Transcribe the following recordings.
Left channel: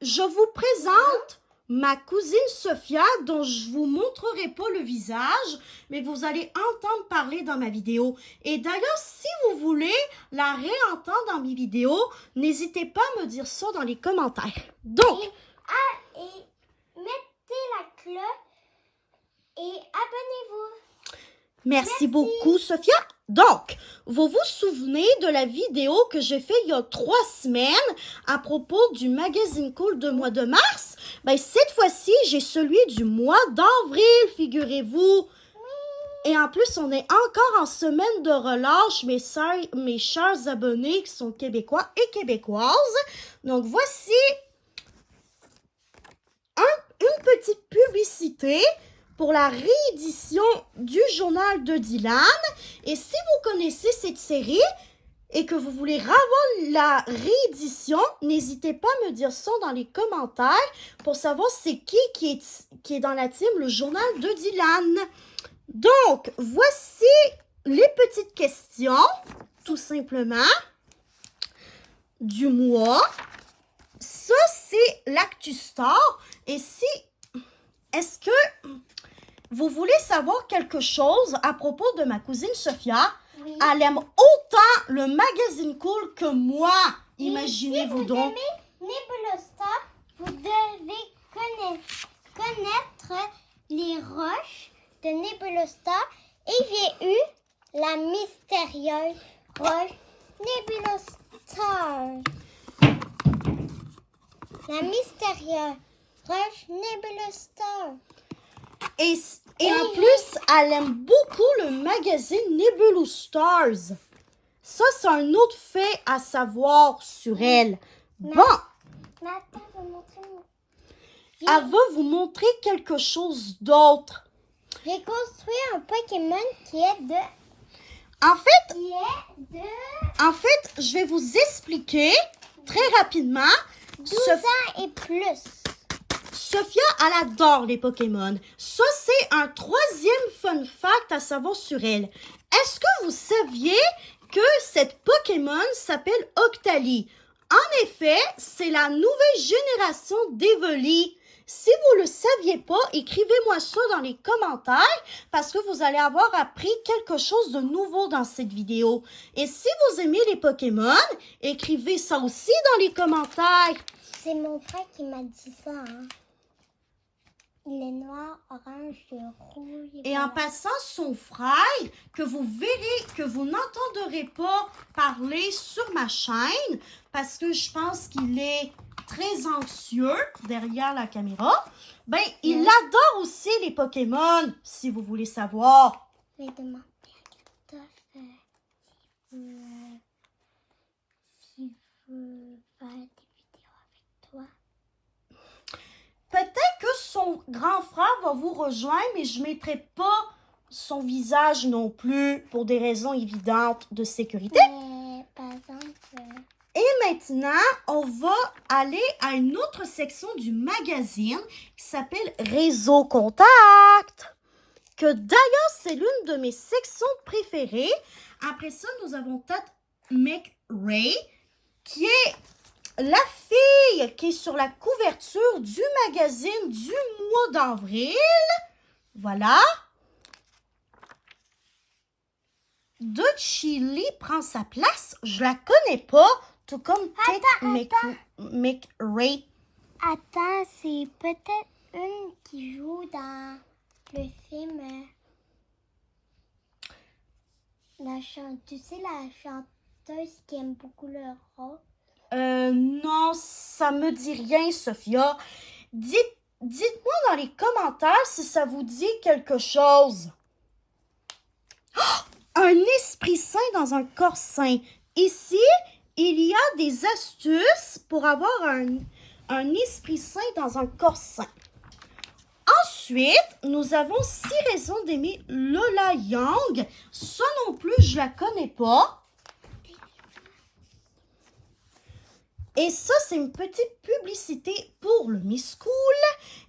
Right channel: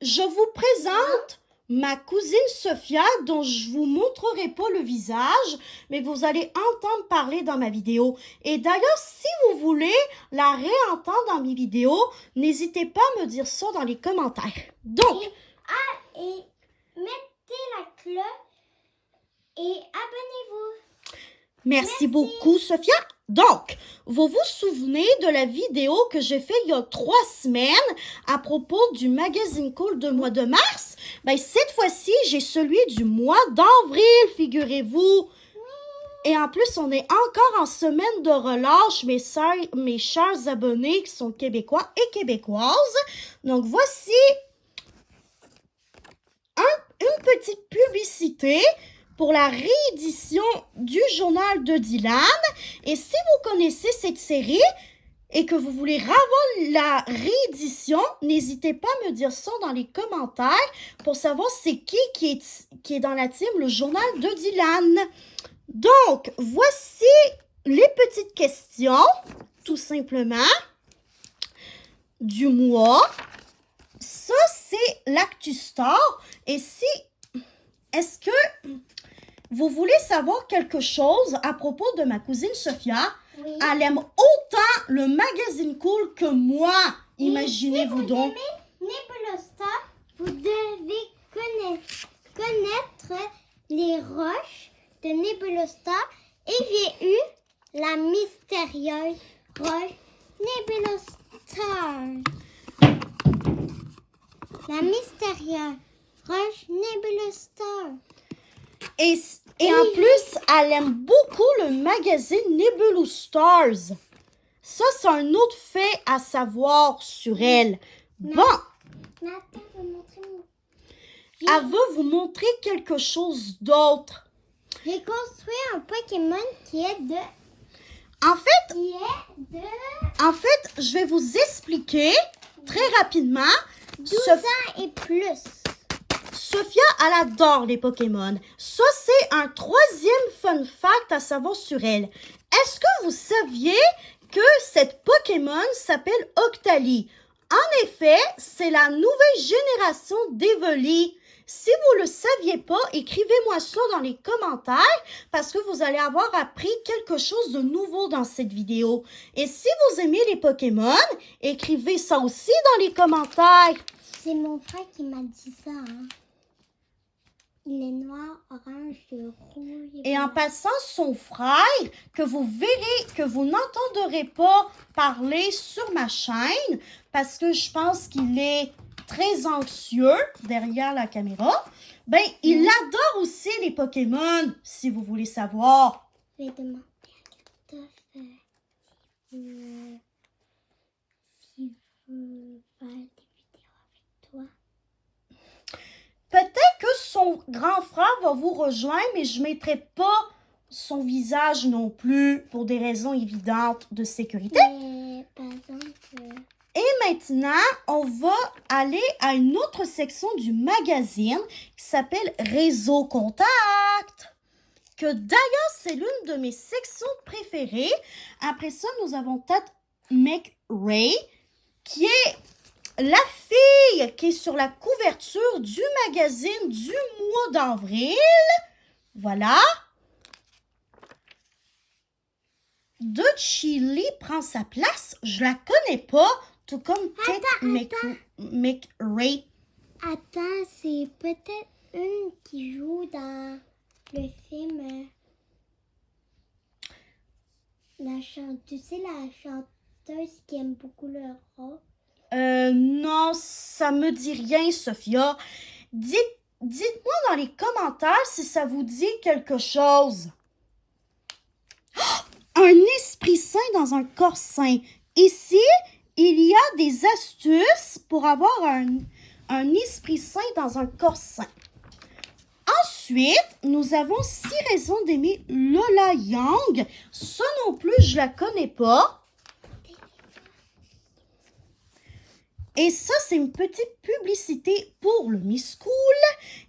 je vous présente ma cousine Sophia, dont je vous montrerai pas le visage, mais vous allez entendre parler dans ma vidéo. Et d'ailleurs, si vous voulez la réentendre dans mes vidéos, n'hésitez pas à me dire ça dans les commentaires. Donc, Et mettez la cloche et abonnez-vous. merci beaucoup, Sophia. Donc, vous vous souvenez de la vidéo que j'ai faite il y a 3 semaines à propos du magazine Cool de mois de mars? Ben, cette fois-ci, j'ai celui du mois d'avril, figurez-vous. Et en plus, on est encore en semaine de relâche, mes chers abonnés qui sont québécois et québécoises. Donc, voici une petite publicité pour la réédition du journal de Dylan. Et si vous connaissez cette série et que vous voulez revoir la réédition, n'hésitez pas à me dire ça dans les commentaires pour savoir c'est qui est dans la team le journal de Dylan. Donc, voici les petites questions, tout simplement, du mois. Ça, c'est l'Actustar. Et est-ce que vous voulez savoir quelque chose à propos de ma cousine Sophia? Oui. Elle aime autant le magazine Cool que moi. Imaginez-vous donc. Si vous aimez Nebulostar, vous devez connaître les roches de Nebulostar. Et j'ai eu la mystérieuse roche Nebulostar. La mystérieuse roche Nebulostar. Et en plus, elle aime beaucoup le magazine Nebulous Stars. Ça, c'est un autre fait à savoir sur elle. Bon, Mais attends, je vais montrer mon... elle va vous montrer quelque chose d'autre. J'ai construit un Pokémon qui est de... En fait, je vais vous expliquer très rapidement. 12 ans et plus. Sophia, elle adore les Pokémon. Ça, c'est un 3e fun fact à savoir sur elle. Est-ce que vous saviez que cette Pokémon s'appelle Octali? En effet, c'est la nouvelle génération d'Evoli. Si vous ne le saviez pas, écrivez-moi ça dans les commentaires parce que vous allez avoir appris quelque chose de nouveau dans cette vidéo. Et si vous aimez les Pokémon, écrivez ça aussi dans les commentaires. C'est mon frère qui m'a dit ça. Hein. Il est noir, orange, rouge. Et en passant, son frère, que vous verrez, que vous n'entendrez pas parler sur ma chaîne, parce que je pense qu'il est très anxieux derrière la caméra, ben, il adore aussi les Pokémon, si vous voulez savoir. Je vais demander à Christophe si vous faire des vidéos avec toi. Peut-être que son grand frère va vous rejoindre, mais je ne mettrai pas son visage non plus pour des raisons évidentes de sécurité. Mais, par exemple... Et maintenant, on va aller à une autre section du magazine qui s'appelle Réseau Contact. Que d'ailleurs, c'est l'une de mes sections préférées. Après ça, nous avons peut-être McRae, qui est la fille qui est sur la couverture du magazine du mois d'avril. Voilà. De Chili prend sa place. Je la connais pas, tout comme McRae. Attends, c'est peut-être une qui joue dans le film. Tu sais, la chanteuse qui aime beaucoup le rock. Non, ça me dit rien, Sophia. Dites-moi dans les commentaires si ça vous dit quelque chose. Oh! Un esprit sain dans un corps sain. Ici, il y a des astuces pour avoir un esprit sain dans un corps sain. Ensuite, nous avons 6 raisons d'aimer Lola Young. Ça non plus, je la connais pas. Et ça, c'est une petite publicité pour le Miss Cool.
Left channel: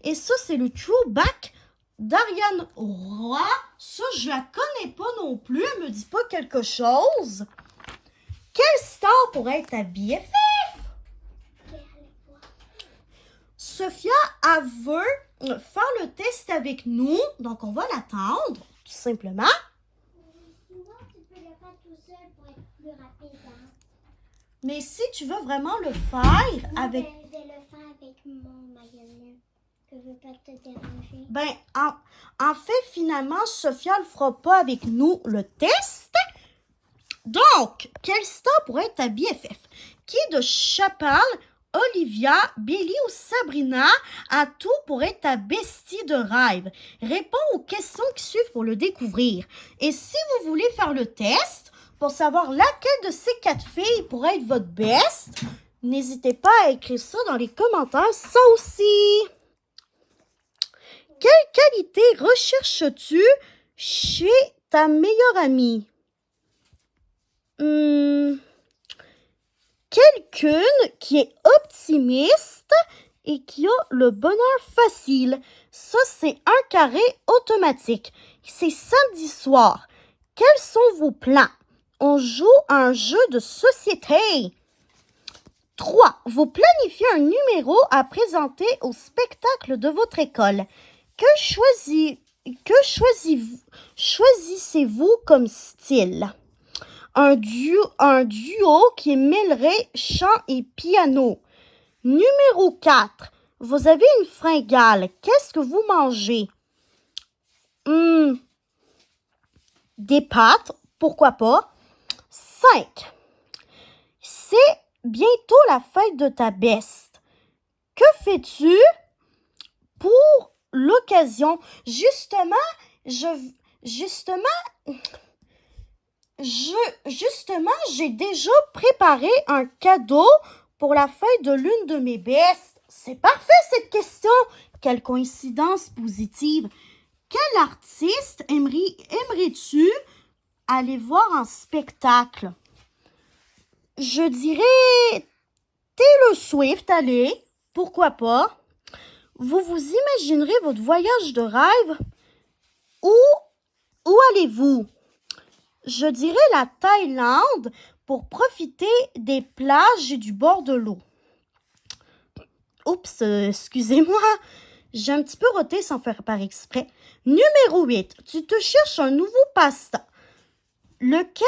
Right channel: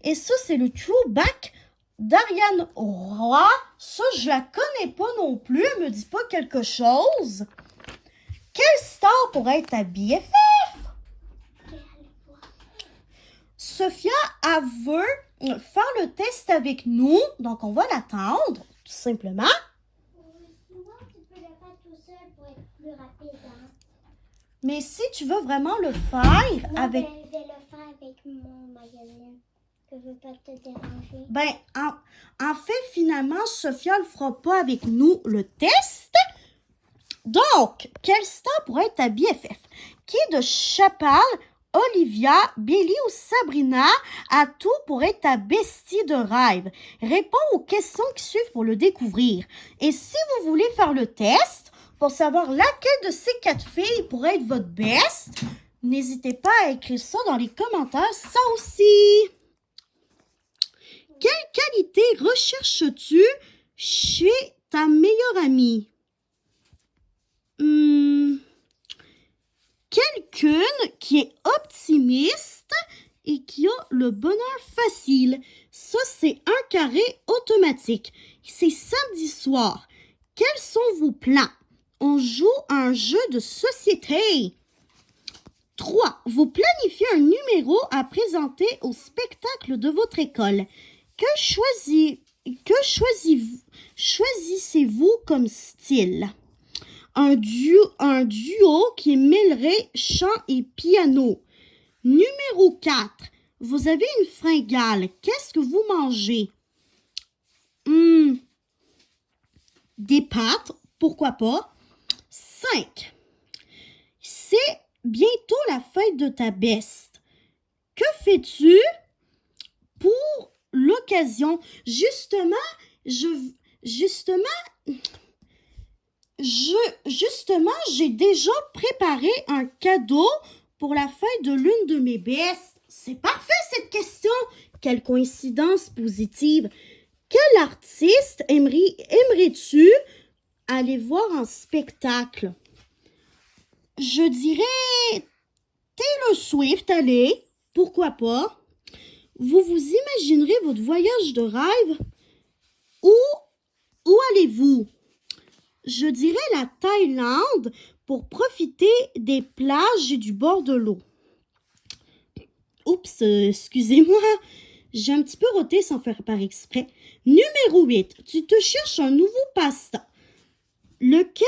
Et ça, c'est le throwback d'Ariane Roy. Ça, je la connais pas non plus. Elle me dit pas quelque chose. Quelle star pourrait être ta BFF? Sophia, elle veut faire le test avec nous. Donc, on va l'attendre, tout simplement. Sinon, tu peux le faire tout seul pour être plus rapide. Hein? Mais si tu veux vraiment le faire Non, avec... ben, je vais le faire avec mon magazine. Que je veux pas te déranger. Ben, en fait, finalement, Sophia ne le fera pas avec nous le test. Donc, quelle star pourrait être ta BFF? Qui de Chappelle, Olivia, Billy ou Sabrina a tout pour être ta bestie de rêve? Réponds aux questions qui suivent pour le découvrir. Et si vous voulez faire le test pour savoir laquelle de ces 4 filles pourrait être votre best, n'hésitez pas à écrire ça dans les commentaires, ça aussi. Quelle qualité recherches-tu chez ta meilleure amie? Quelqu'un qui est optimiste et qui a le bonheur facile. Ça, c'est un carré automatique. C'est samedi soir. Quels sont vos plans? On joue à un jeu de société. 3. Vous planifiez un numéro à présenter au spectacle de votre école. Choisissez-vous comme style? Un duo qui mêlerait chant et piano. Numéro 4. Vous avez une fringale. Qu'est-ce que vous mangez? Des pâtes, pourquoi pas. 5. C'est bientôt la fête de ta best. Que fais-tu pour l'occasion? Justement, j'ai déjà préparé un cadeau pour la fête de l'une de mes bestes. C'est parfait cette question. Quelle coïncidence positive. Quel artiste aimerais-tu aller voir en spectacle? Je dirais Taylor Swift, allez, pourquoi pas. Vous imaginerez votre voyage de rêve. Où allez-vous? Je dirais la Thaïlande pour profiter des plages et du bord de l'eau. Oups, excusez-moi, j'ai un petit peu roté sans faire par exprès. Numéro 8, tu te cherches un nouveau passe-temps. Lequel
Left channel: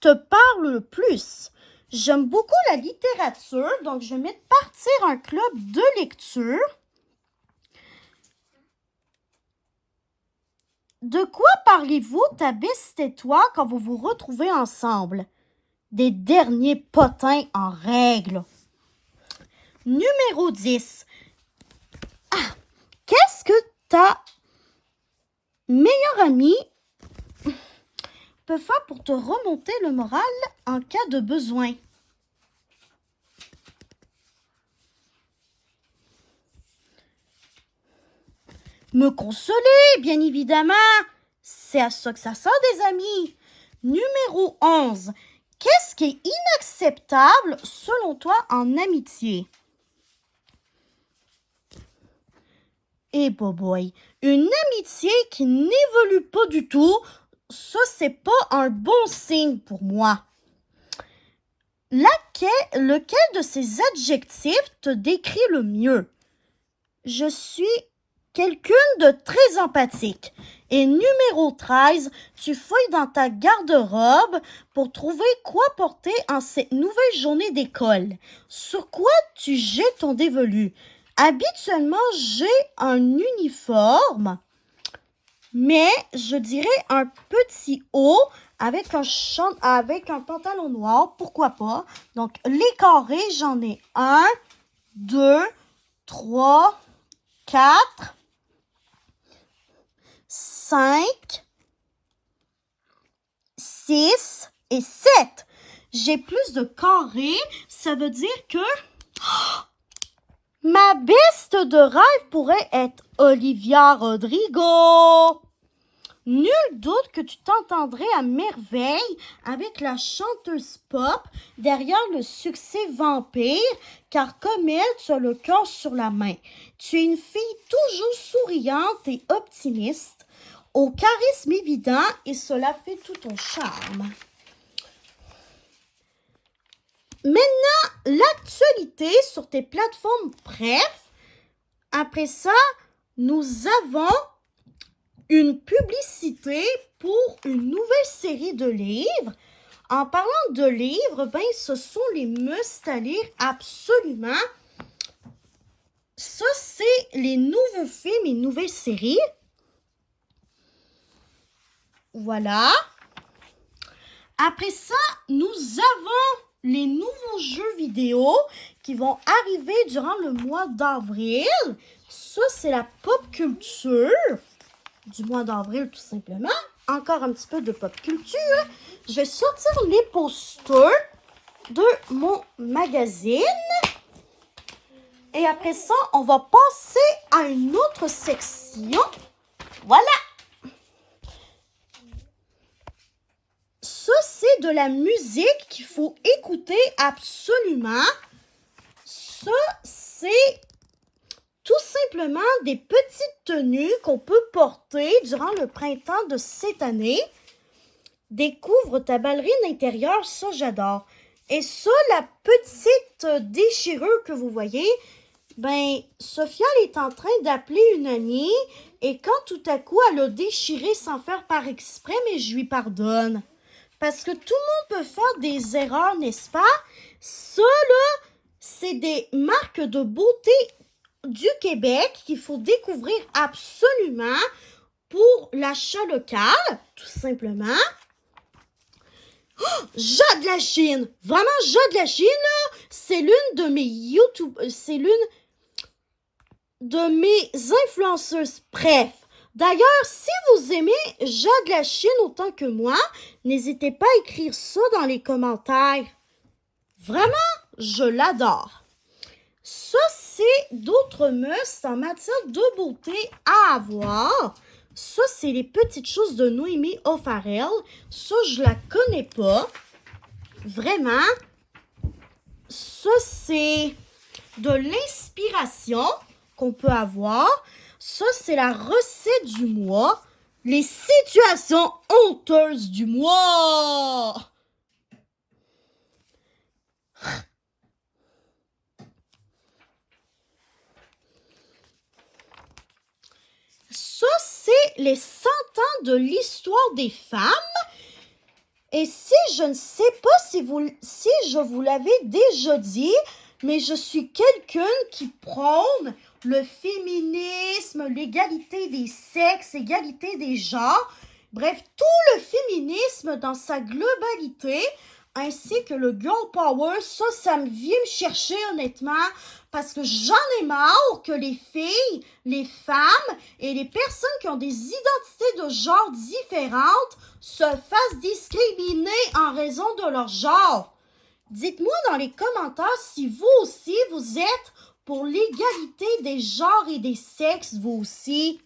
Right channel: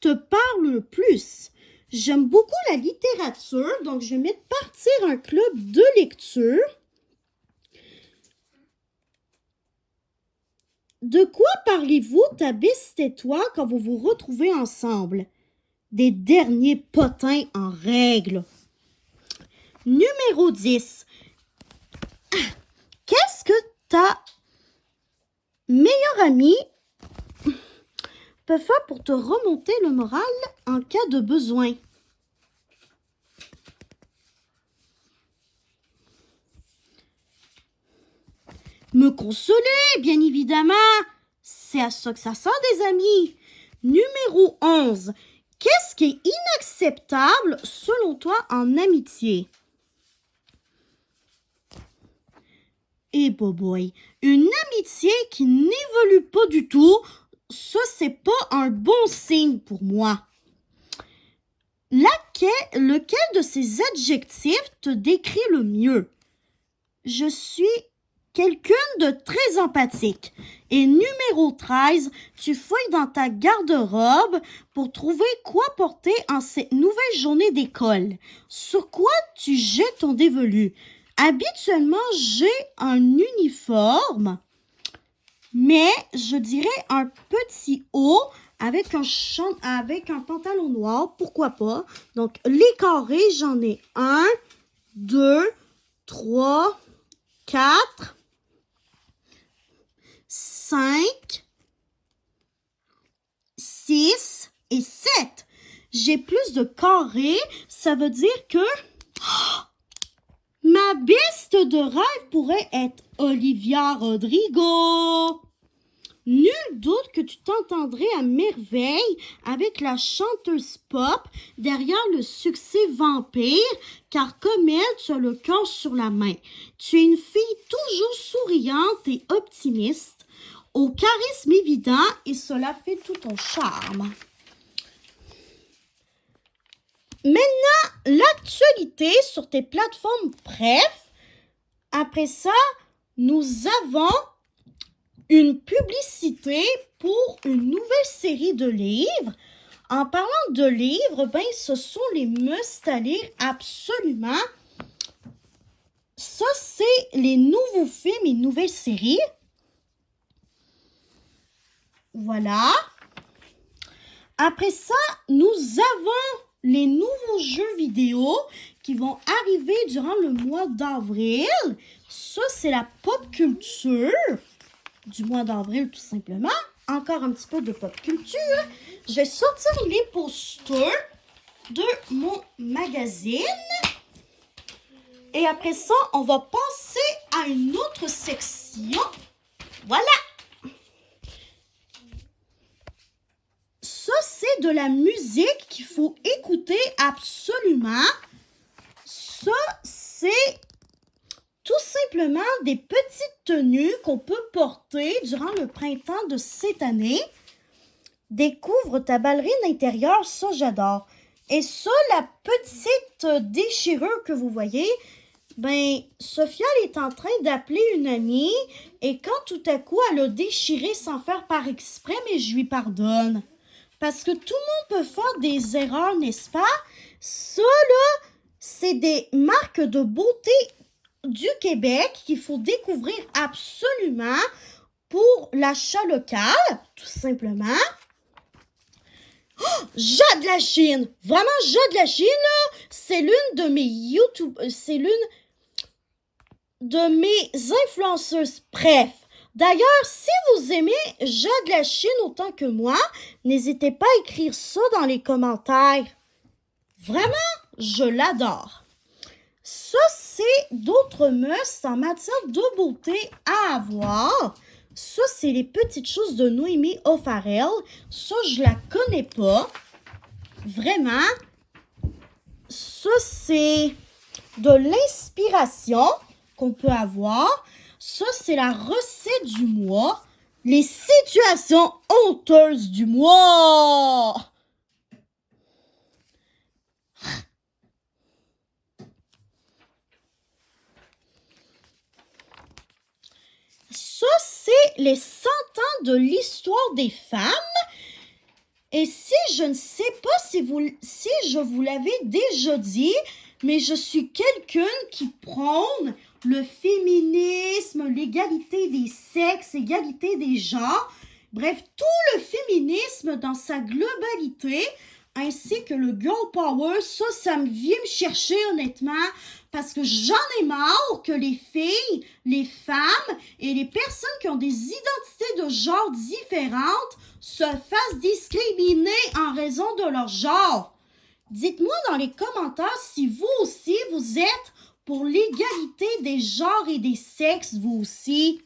te parle le plus? J'aime beaucoup la littérature, donc je vais mettre partir un club de lecture. De quoi parlez-vous, ta best et toi, quand vous vous retrouvez ensemble? Des derniers potins en règle. Numéro 10. Qu'est-ce que ta meilleure amie peut faire pour te remonter le moral en cas de besoin? Me consoler, bien évidemment. C'est à ça que ça sert, des amis. Numéro 11. Qu'est-ce qui est inacceptable, selon toi, en amitié? Eh boy, une amitié qui n'évolue pas du tout, ça, c'est pas un bon signe pour moi. Lequel de ces adjectifs te décrit le mieux? Je suis quelqu'un de très empathique. Et numéro 13, tu fouilles dans ta garde-robe pour trouver quoi porter en cette nouvelle journée d'école. Sur quoi tu jettes ton dévolu? Habituellement, j'ai un uniforme, mais je dirais un petit haut avec un pantalon noir, pourquoi pas. Donc, les carrés, j'en ai 1, 2, 3, 4, 5, 6 et 7. J'ai plus de carrés, ça veut dire que ma best de rêve pourrait être Olivia Rodrigo. Nul doute que tu t'entendrais à merveille avec la chanteuse pop derrière le succès Vampire, car comme elle, tu as le cœur sur la main. Tu es une fille toujours souriante et optimiste, au charisme évident, et cela fait tout ton charme. maintenant, l'actualité sur tes plateformes Bref. Après ça, nous avons une publicité pour une nouvelle série de livres. En parlant de livres, ben, ce sont les must à lire absolument. Ça, c'est les nouveaux films et nouvelles séries. Voilà. Après ça, nous avons les nouveaux jeux vidéo qui vont arriver durant le mois d'avril. Ça, c'est la pop culture du mois d'avril, tout simplement. Encore un petit peu de pop culture. Je vais sortir les posters de mon magazine. Et après ça, on va passer à une autre section. Voilà. Ça, c'est de la musique qu'il faut écouter absolument. Ça, c'est tout simplement des petites tenues qu'on peut porter durant le printemps de cette année. Découvre ta ballerine intérieure, ça j'adore. Et ça, la petite déchirure que vous voyez, ben, Sophia est en train d'appeler une amie et quand tout à coup elle a déchiré sans faire par exprès, mais je lui pardonne. Parce que tout le monde peut faire des erreurs, n'est-ce pas? Ça, là, c'est des marques de beauté du Québec qu'il faut découvrir absolument pour l'achat local, tout simplement. Oh, Jade la Chine! Vraiment, Jade la Chine, là, c'est l'une de mes YouTube... C'est l'une de mes influenceuses. Bref. D'ailleurs, si vous aimez Jade la Chine autant que moi, n'hésitez pas à écrire ça dans les commentaires. Vraiment, je l'adore. Ça, c'est d'autres must en matière de beauté à avoir. Ça, c'est les petites choses de Noémie O'Farrell. Ça, je la connais pas. Vraiment. Ça, c'est de l'inspiration qu'on peut avoir. Ça, c'est la recette du mois. Les situations honteuses du mois. Ça, c'est les 100 ans de l'histoire des femmes. Et si je ne sais pas si je vous l'avais déjà dit, mais je suis quelqu'un qui prône le féminisme, l'égalité des sexes, l'égalité des genres, bref, tout le féminisme dans sa globalité, ainsi que le girl power, ça me vient me chercher honnêtement, parce que j'en ai marre que les filles, les femmes et les personnes qui ont des identités de genre différentes se fassent discriminer en raison de leur genre. Dites-moi dans les commentaires si vous aussi, vous êtes pour l'égalité des genres et des sexes, vous aussi.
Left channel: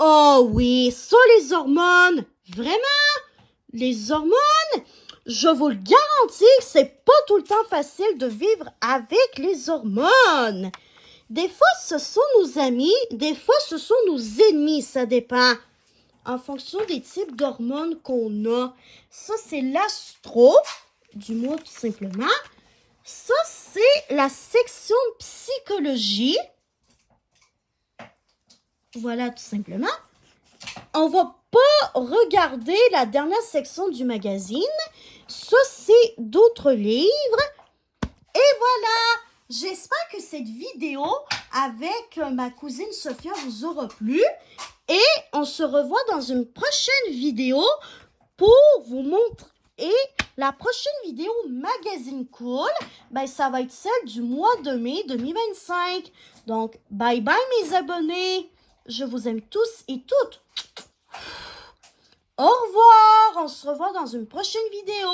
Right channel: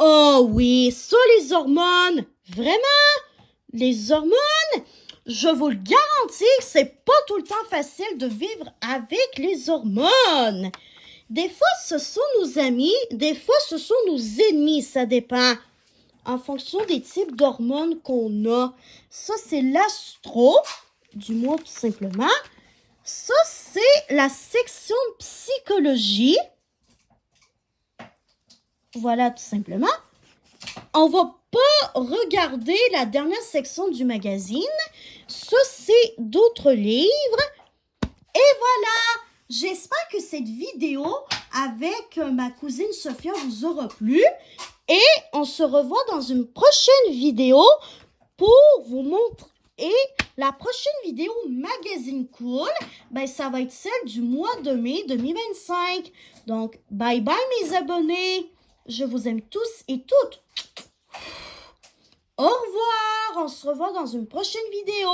Oh oui, ça les hormones, vraiment, les hormones, je vous le garantis, c'est pas tout le temps facile de vivre avec les hormones. Des fois, ce sont nos amis, des fois, ce sont nos ennemis, ça dépend. En fonction des types d'hormones qu'on a. Ça, c'est l'astro, du moins tout simplement. Ça, c'est la section psychologie. Voilà, tout simplement. On va pas regarder la dernière section du magazine. Ça, c'est d'autres livres. Et voilà! J'espère que cette vidéo avec ma cousine Sophia vous aura plu. Et on se revoit dans une prochaine vidéo pour vous montrer la prochaine vidéo Magazine Cool. Ben, ça va être celle du mois de mai 2025. Donc, bye bye mes abonnés. Je vous aime tous et toutes. Au revoir. On se revoit dans une prochaine vidéo.